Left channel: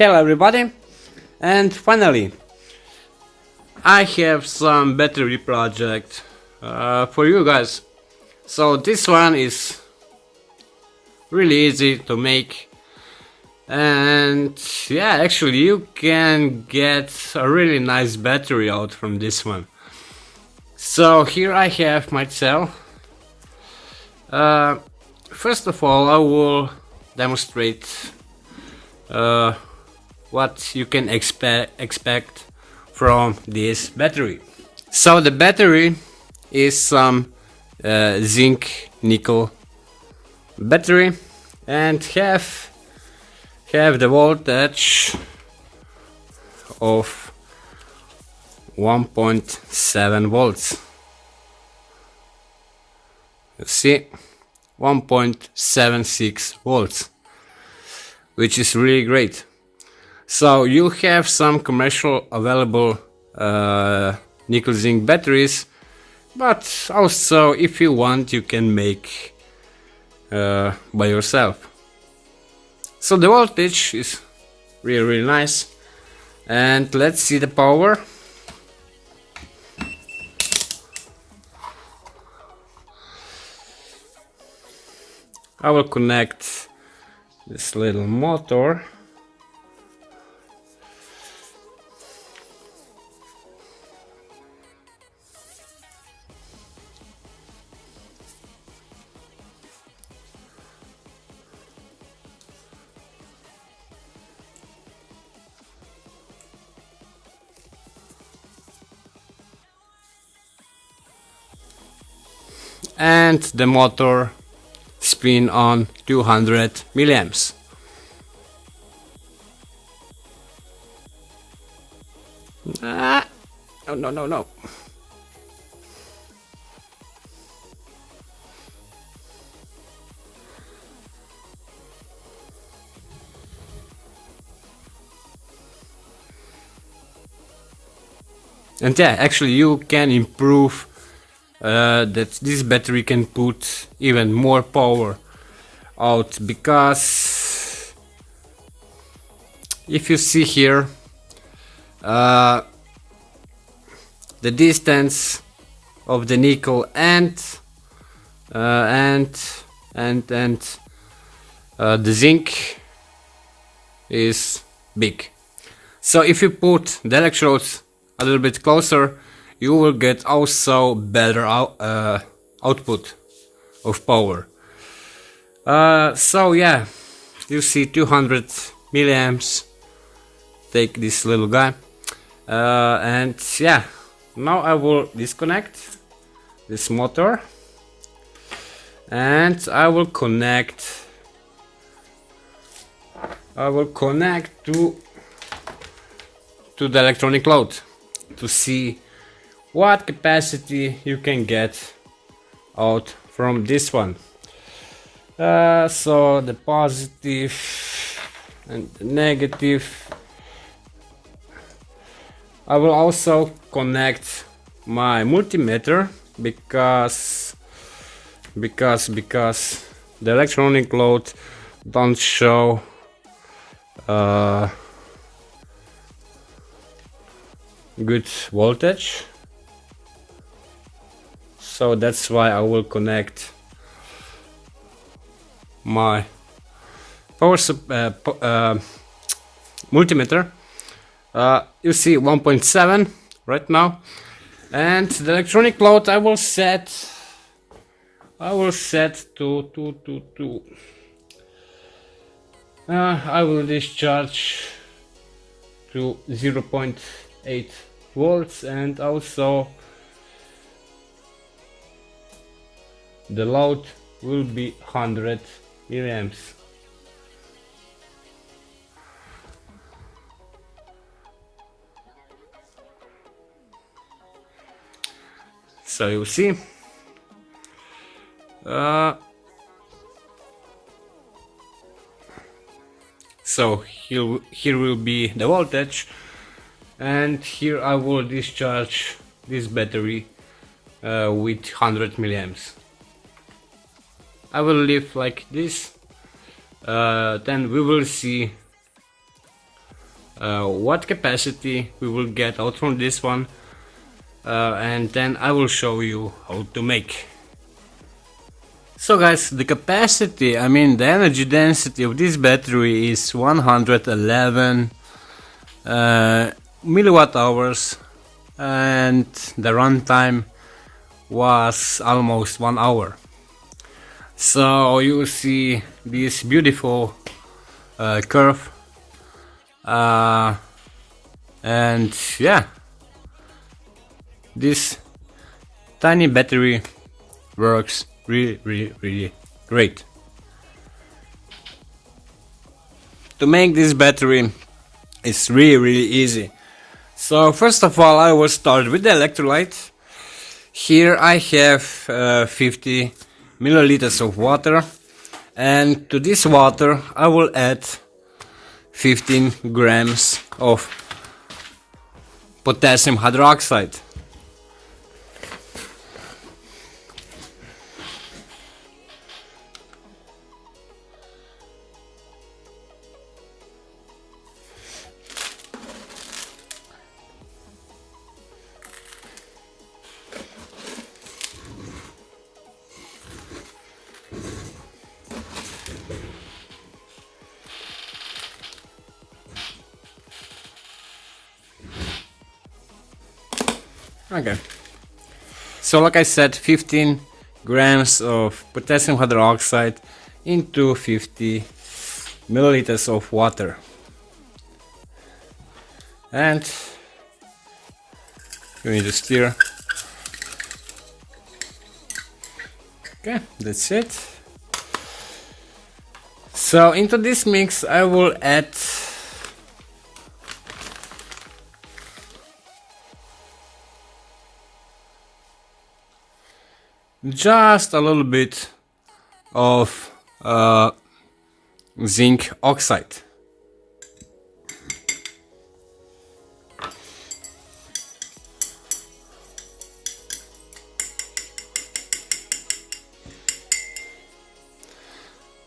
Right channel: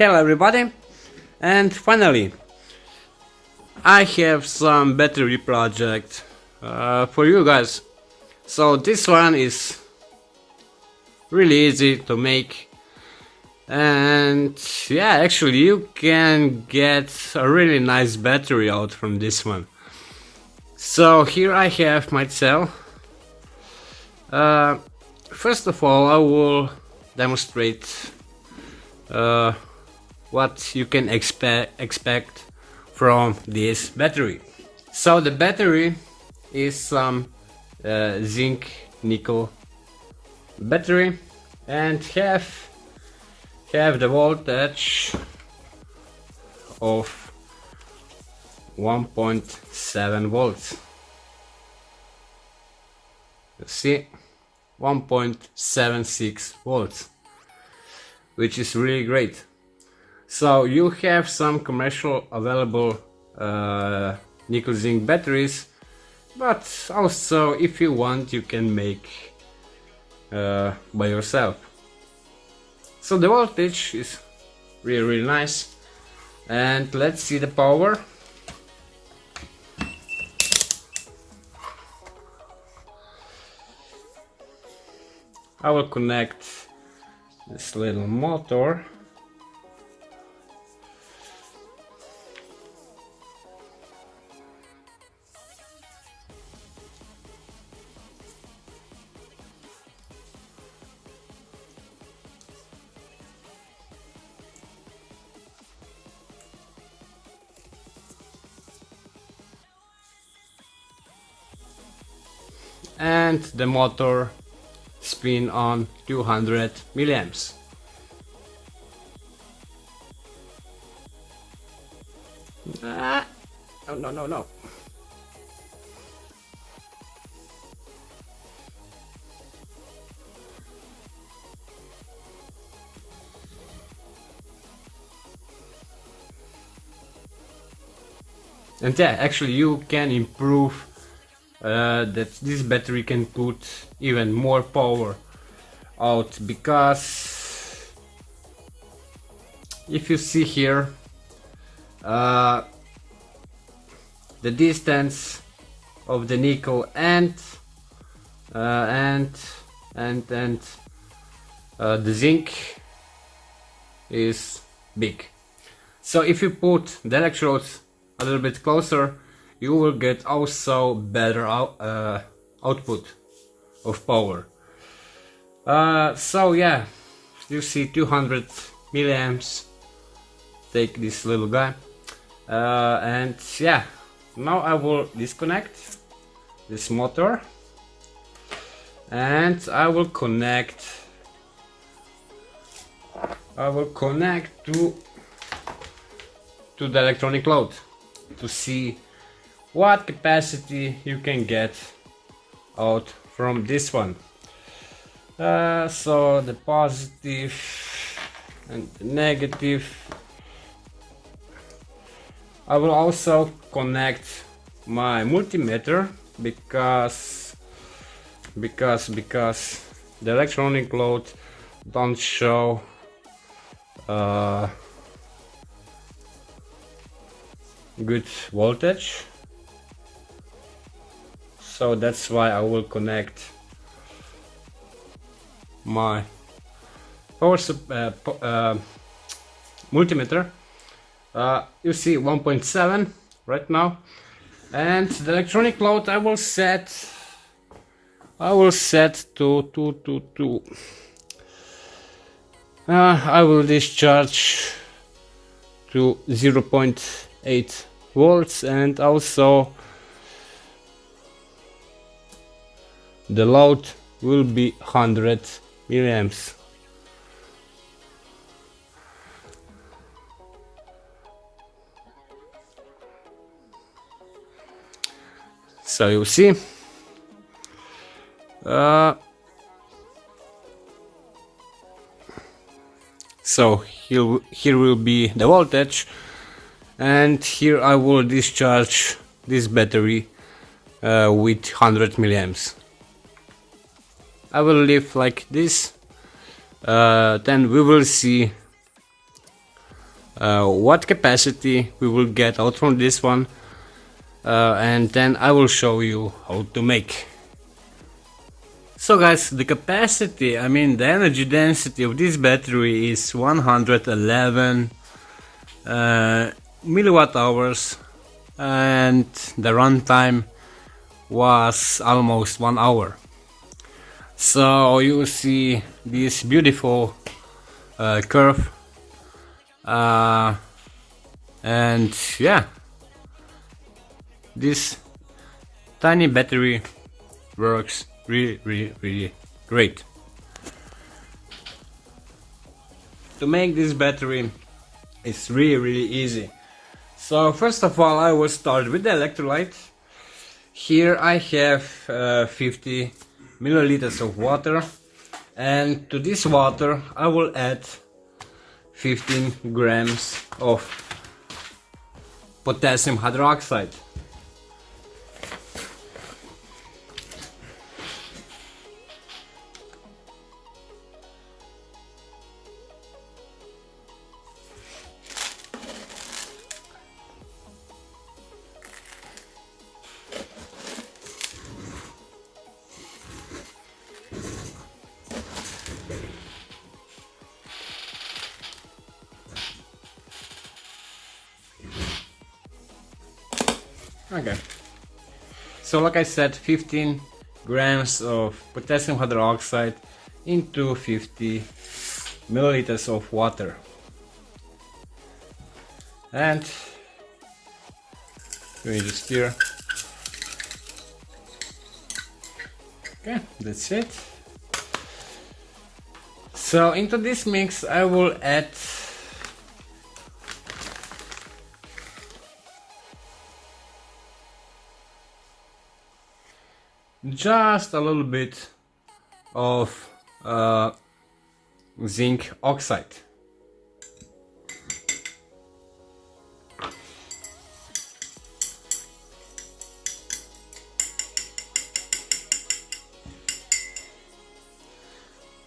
Hello everybody, and finally I have some battery project for you guys. So this one is really easy to make, and yeah, actually you can get a really nice battery out from this one. So here I have my cell. First of all, I will demonstrate what you can expect from this battery. So the battery is some zinc nickel battery and have the voltage of 1.7 volts. You see, 1.76 volts, which is really great. So you have some commercial available nickel zinc batteries, but also if you want you can make by yourself. So the voltage is really nice, and let's see the power. I will connect this little motor. And the motor spin on 200 milliamps. No. And yeah, actually you can improve that this battery can put even more power out, because if you see here the distance of the nickel and the zinc is big. So if you put the electrodes a little bit closer, you will get also better output of power. So yeah, you see 200 milliamps. Take this little guy, and yeah, now I will disconnect this motor and I will connect to the electronic load to see what capacity you can get out from this one. So the positive and the negative. I will also connect my multimeter because the electronic load don't show good voltage. So that's why I will connect my power multimeter. You see 1.7 right now, and the electronic load I will set to I will discharge to 0.8 volts, and also the load will be 100 milliamps. So you see, so here will be the voltage, and here I will discharge this battery with 100 milliamps. I will leave like this, then we will see what capacity we will get out from this one, and then I will show you how to make. So guys, the capacity, I mean the energy density of this battery is 111 milliwatt hours, and the runtime was almost 1 hour. So you see this beautiful curve, and yeah, this tiny battery works really great. To make this battery is really easy. So first of all, I will start with the electrolyte. Here I have 50 milliliters of water, and to this water I will add 15 grams of potassium hydroxide. Okay, so like I said, 15 grams of potassium hydroxide into 50 milliliters of water, and we need to stir. Okay, that's it. So into this mix I will add just a little bit of zinc oxide.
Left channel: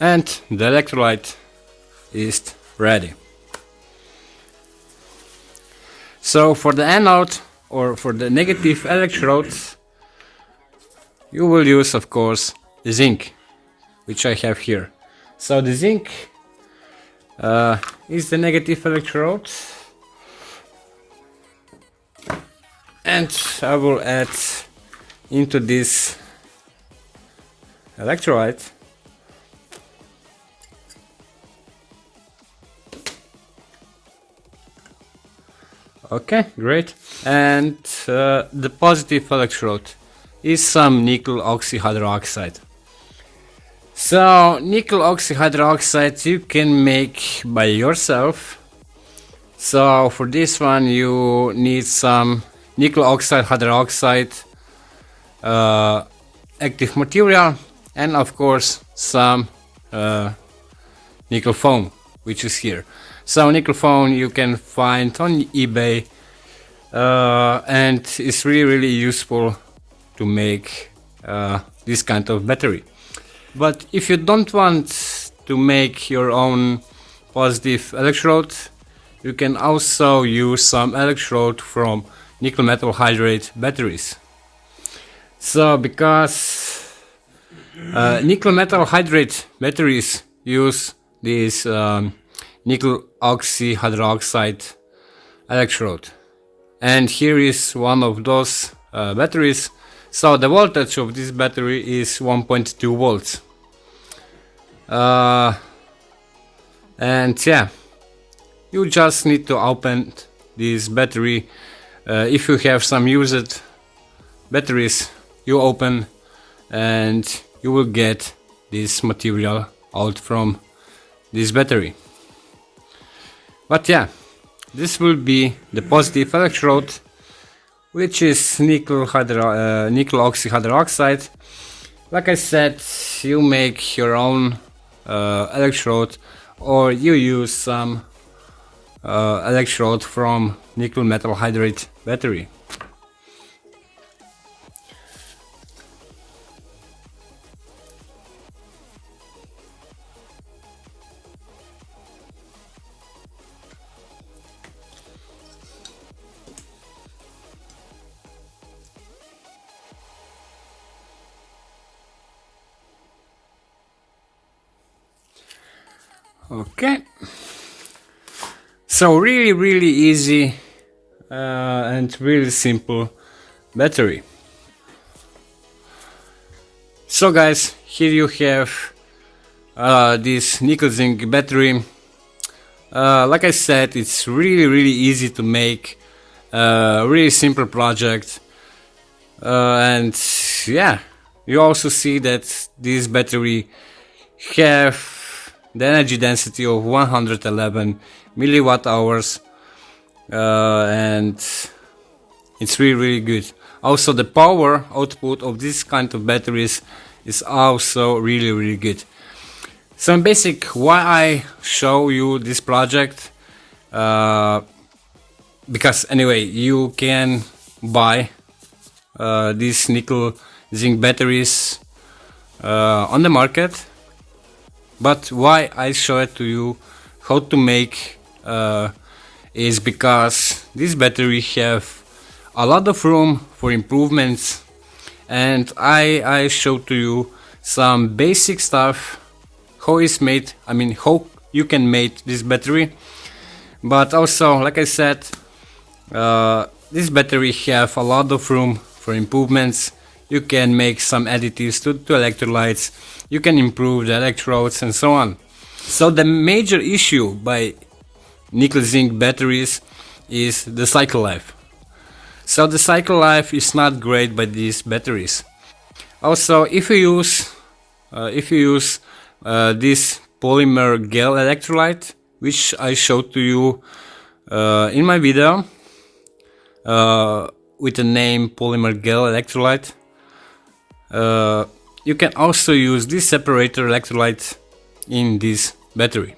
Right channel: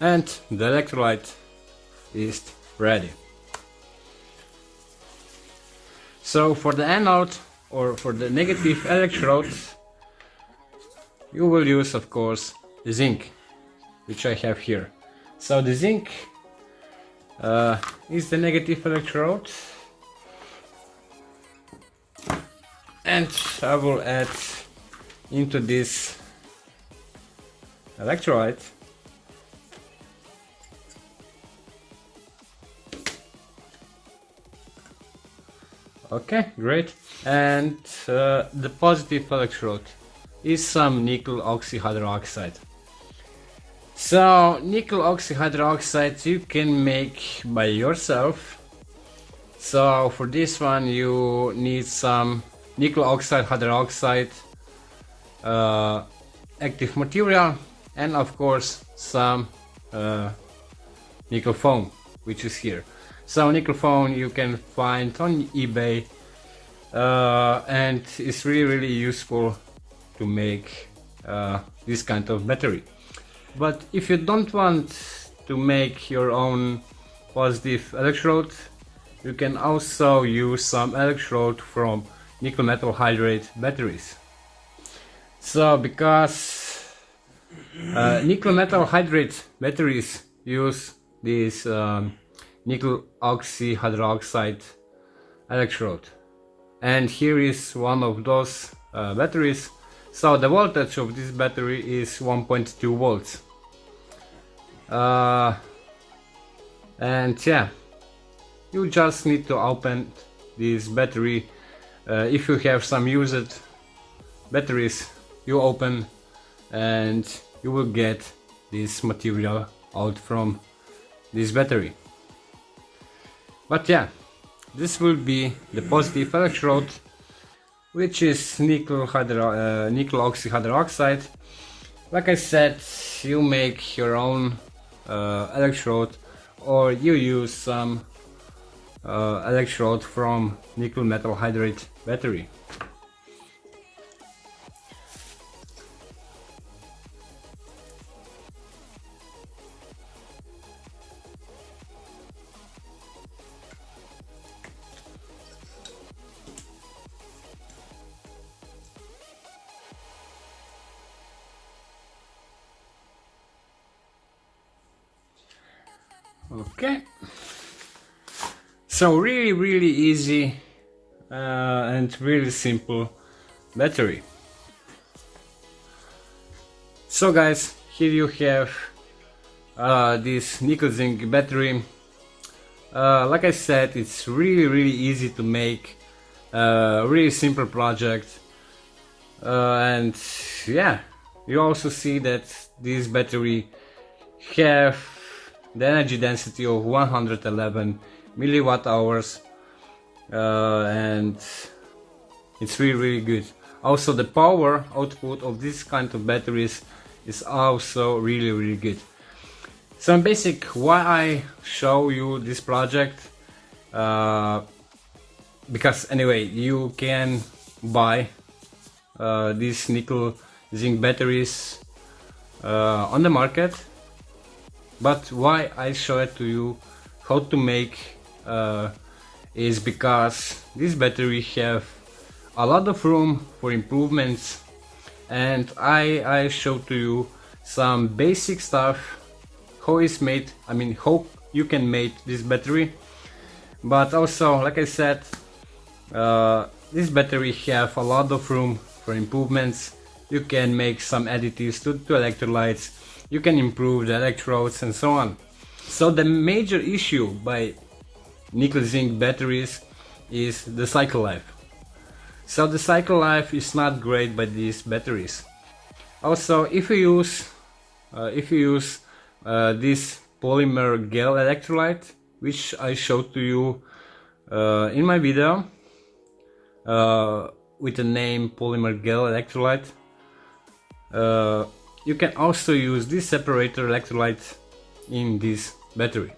And the electrolyte is ready. So for the anode, or for the negative electrodes, you will use, of course, the zinc, which I have here. So the zinc is the negative electrode, and I will add into this electrolyte okay, great. And the positive electrode is some nickel oxyhydroxide. So nickel oxyhydroxide you can make by yourself. So for this one you need some nickel oxide hydroxide active material, and of course some nickel foam, which is here. So nickel foam you can find on eBay, and it's really useful to make this kind of battery. But if you don't want to make your own positive electrode, you can also use some electrode from nickel metal hydride batteries. So because nickel metal hydride batteries use this nickel oxyhydroxide electrode, and here is one of those batteries. So the voltage of this battery is 1.2 volts. And yeah, you just need to open this battery. If you have some used batteries, you open and you will get this material out from this battery. But yeah, this will be the positive electrode, which is nickel oxyhydroxide. Like I said, you make your own electrode, or you use some electrode from nickel metal hydride battery. Okay, so really easy and really simple battery. So guys, here you have this Nickel Zinc battery. Like I said, it's really easy to make, really simple project, and yeah, you also see that this battery have the energy density of 111 milliwatt hours, and it's really good. Also, the power output of this kind of batteries is also really good. So in basic, why I show you this project, because anyway, you can buy these nickel zinc batteries on the market, but why I show it to you how to make is because this battery have a lot of room for improvements, and I show to you some basic stuff, how it's made, I mean how you can make this battery. But also, like I said, this battery have a lot of room for improvements. You can make some additives to electrolytes, you can improve the electrodes and so on. So the major issue by nickel zinc batteries is the cycle life. So the cycle life is not great by these batteries. Also, if you use this polymer gel electrolyte, which I showed to you in my video with the name polymer gel electrolyte, you can also use this separator electrolyte in this battery.